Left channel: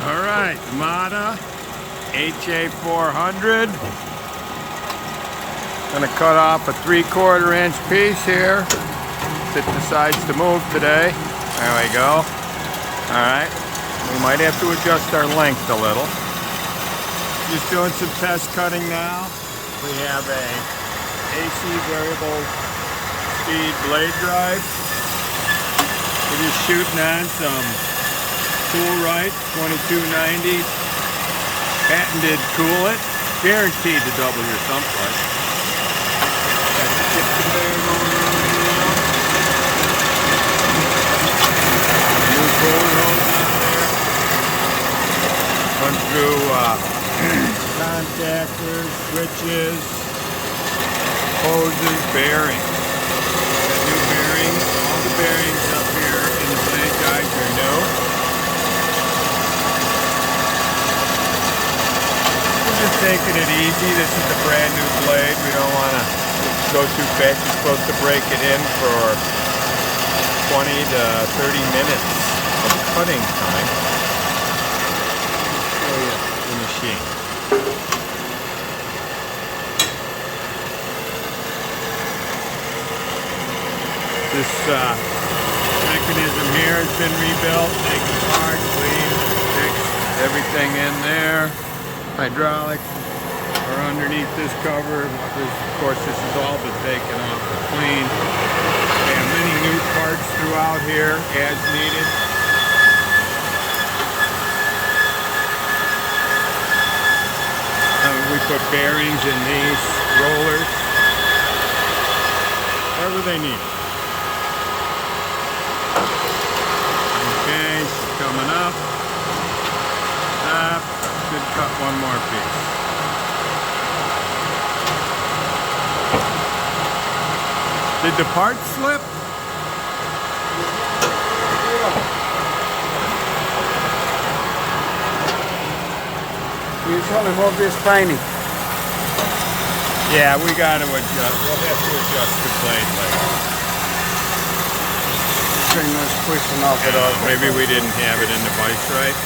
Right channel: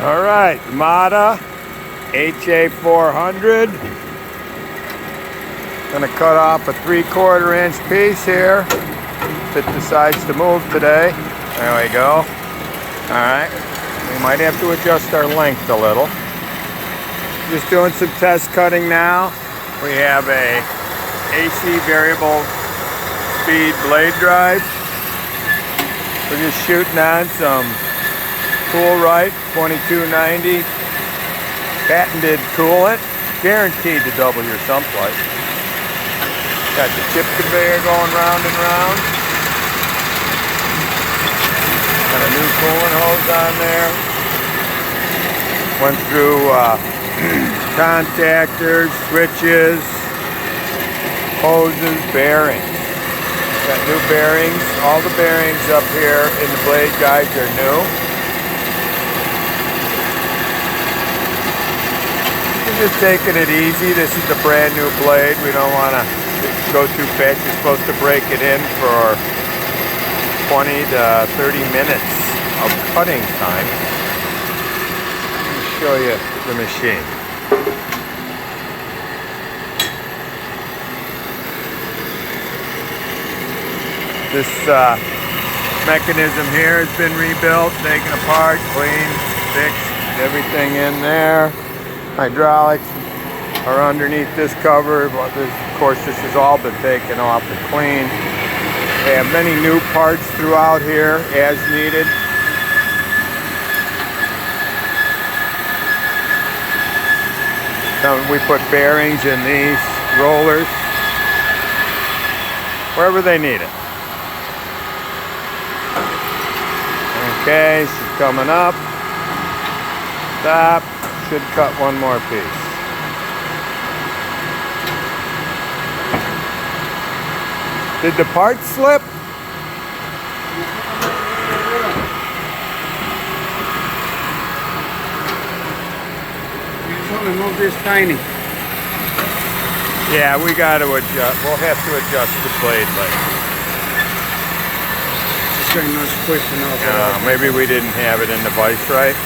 All right, Amada HA 400. Gonna cut off a 3/4 inch piece here. It decides to move today. There we go. All right, we might have to adjust our length a little. Just doing some test cutting now. We have a AC variable speed blade drive. We're just shooting on some Cool-Right 2290 patented coolant, guaranteed to double your sump life. Got the chip conveyor going round and round. Got a new coolant hose on there. Went through contactors, switches, hoses, bearings. Got new bearings. All the bearings up here in the blade guides are new. We're just taking it easy. This is a brand new blade. We don't want to go too fast. You're supposed to break it in for 20 to 30 minutes of cutting time. Let me show you the machine. This mechanism here has been rebuilt, taken apart, cleaned, fixed, everything in there. Hydraulics are underneath this cover. Of course, this has all been taken off and cleaned. We have many new parts throughout here as needed. We put bearings in these rollers wherever they need it. Okay, she's coming up. Stop. Should cut one more piece. Did the part slip? This tiny. Yeah, we got to adjust. We'll have to adjust the blade later. Maybe we didn't have it in the vise right.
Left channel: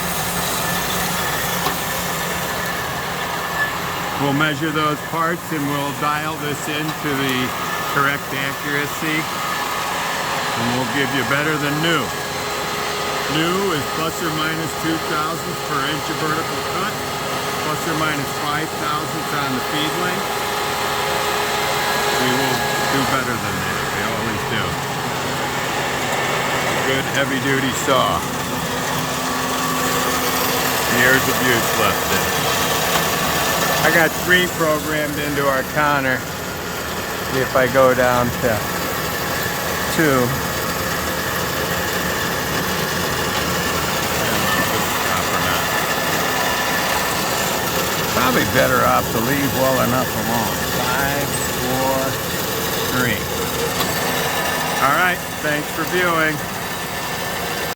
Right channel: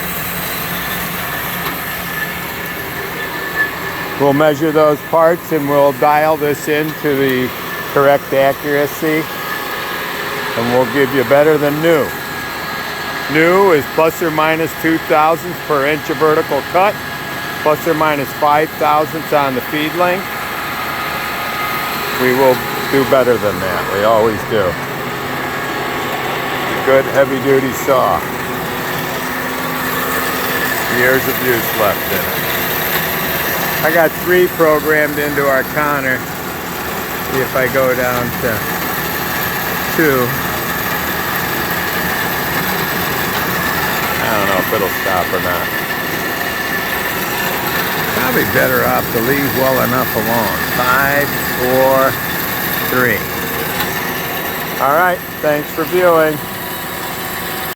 We'll measure those parts and we'll dial this into the correct accuracy, and we'll give you better than new. New is plus or minus 2 thousandths per inch of vertical cut, plus or minus 5 thousandths on the feed length. We will do better than that. We always do. A good heavy-duty saw. Years of use left in it. I got 3 programmed into our counter. See if I go down to 2. I don't know if it'll stop or not. Probably better off to leave well enough alone. 5, 4, 3. All right, thanks for viewing.